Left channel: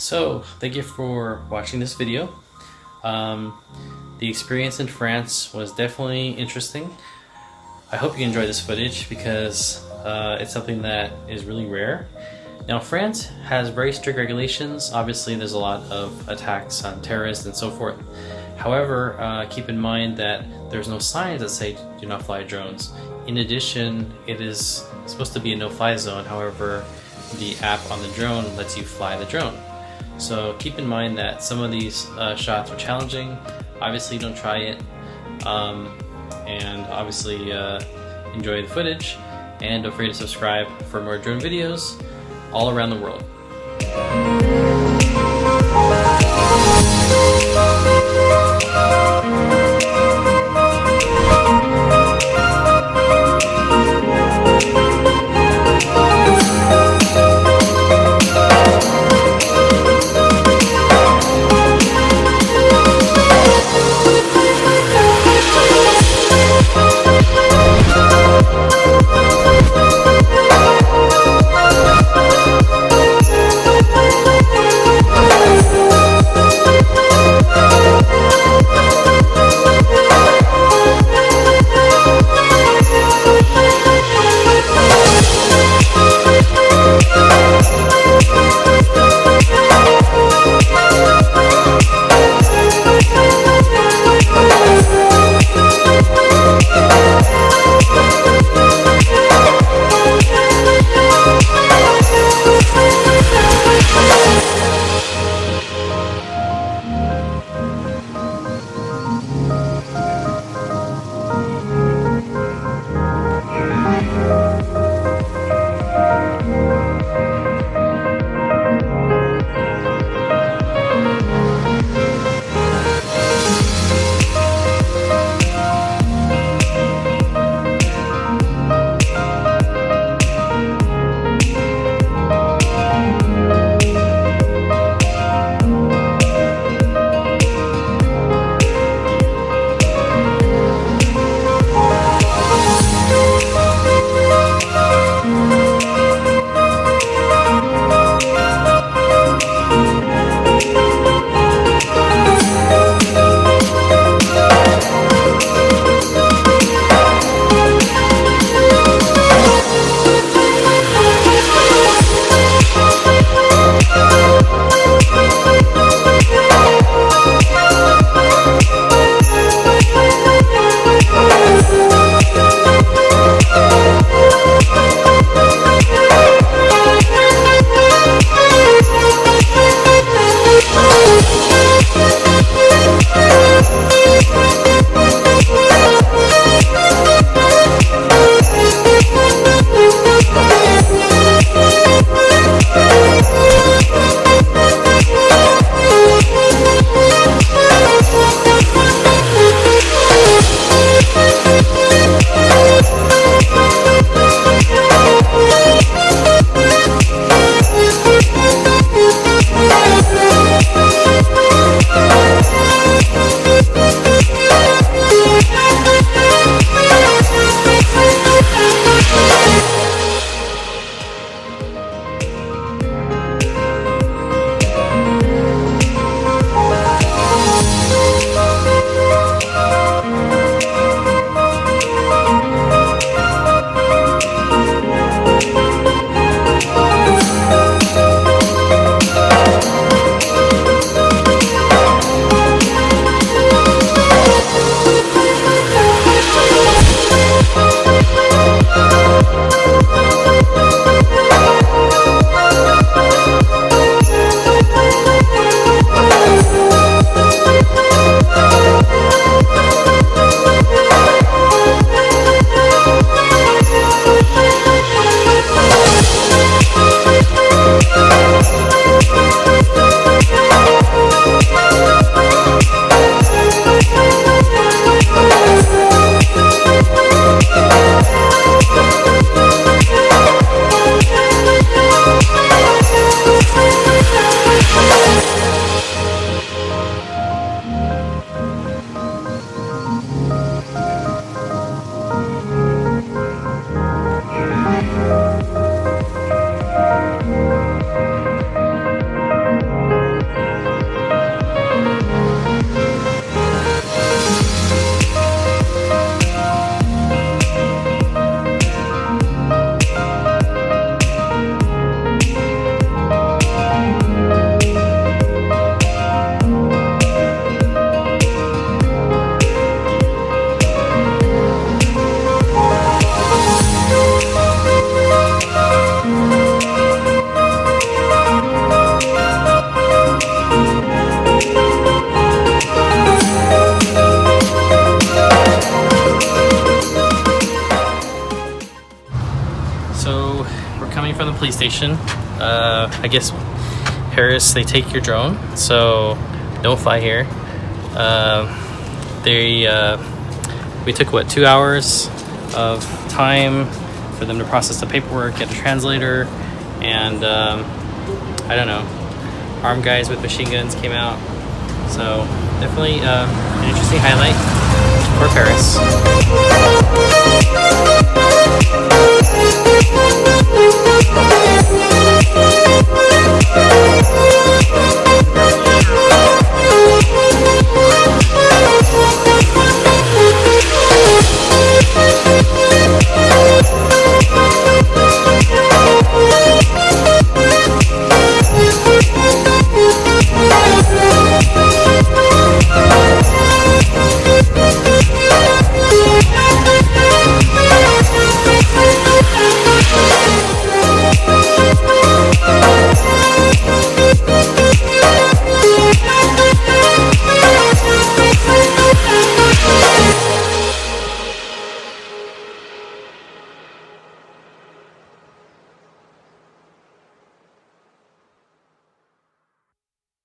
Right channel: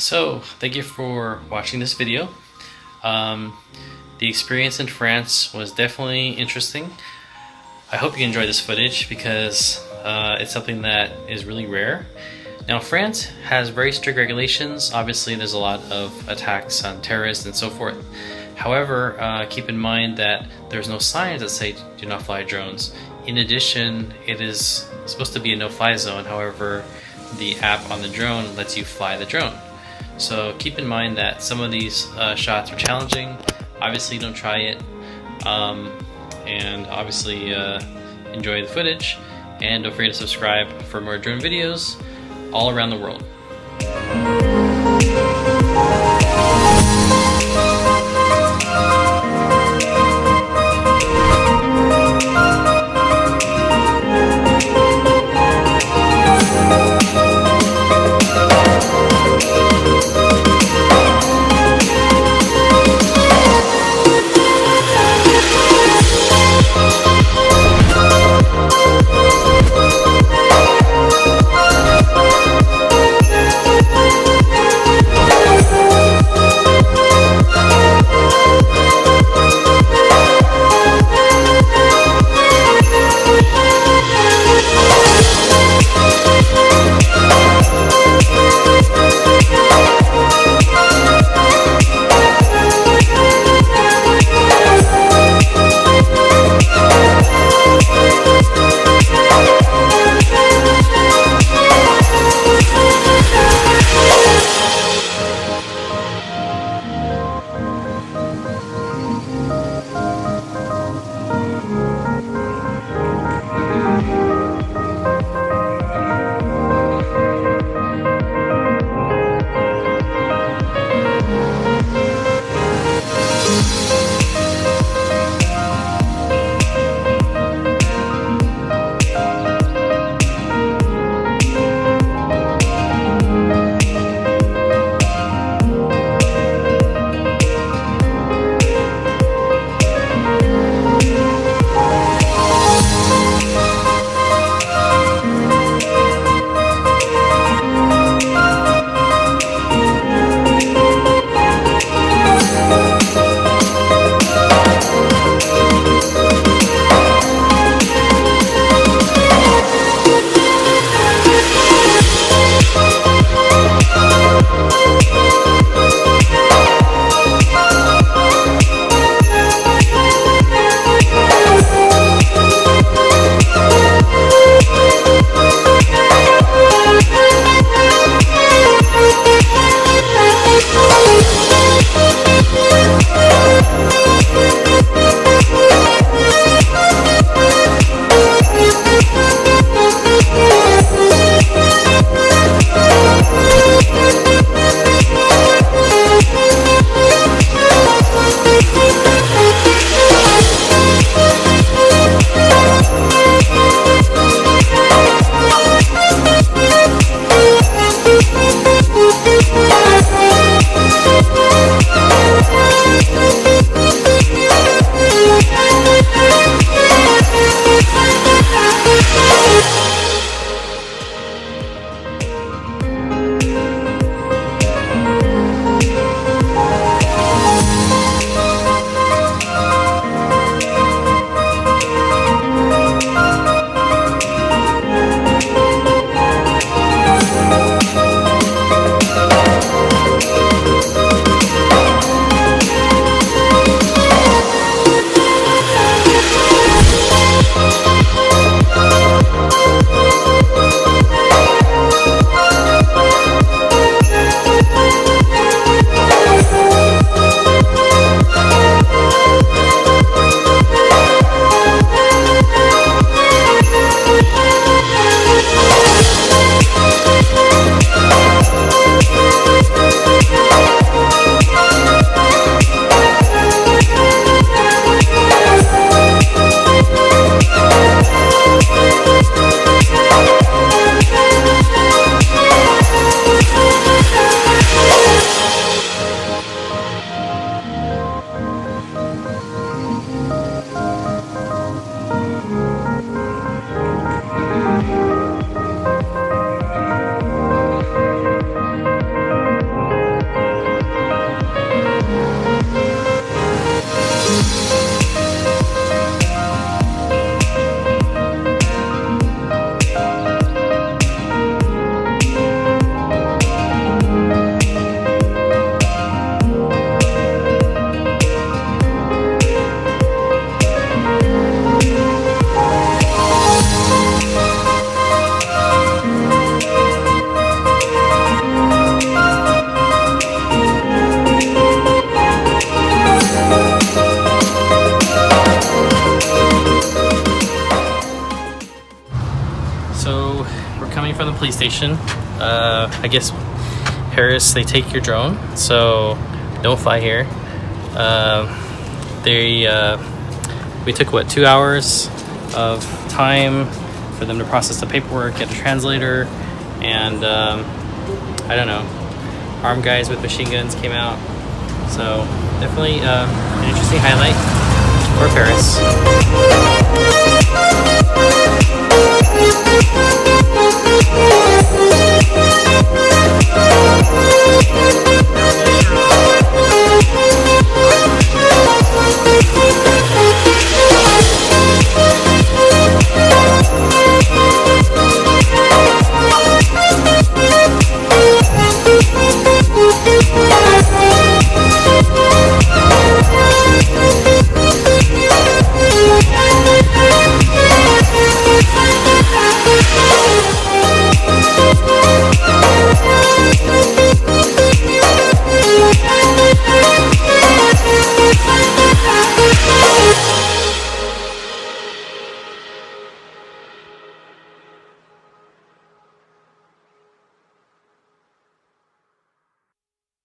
So, thank you for watching this video. The experience in France was definitely interesting. I hope you enjoy this footage because it's something that is really rare. Now, France has very strict regulations. Obviously, there's a lot of attacks on terrorists and so forth. However, keep in mind that there's no signs that say do not fly drones. In addition, it is supposed to be a no-fly zone. However, the app on the drone lets you fly the drone. So keep in mind that some of these shots are challenging. Obviously, don't try it. And obviously, enjoy the footage. And don't forget to subscribe for more drone videos all around the world. police station. I guess Paris, they take your drone, so don't fly here. We took what, 2 hours of time for them to process the paperwork, get a translator, and I don't know, armed guys with machine guns came out. So definitely an interesting highlight for Paris.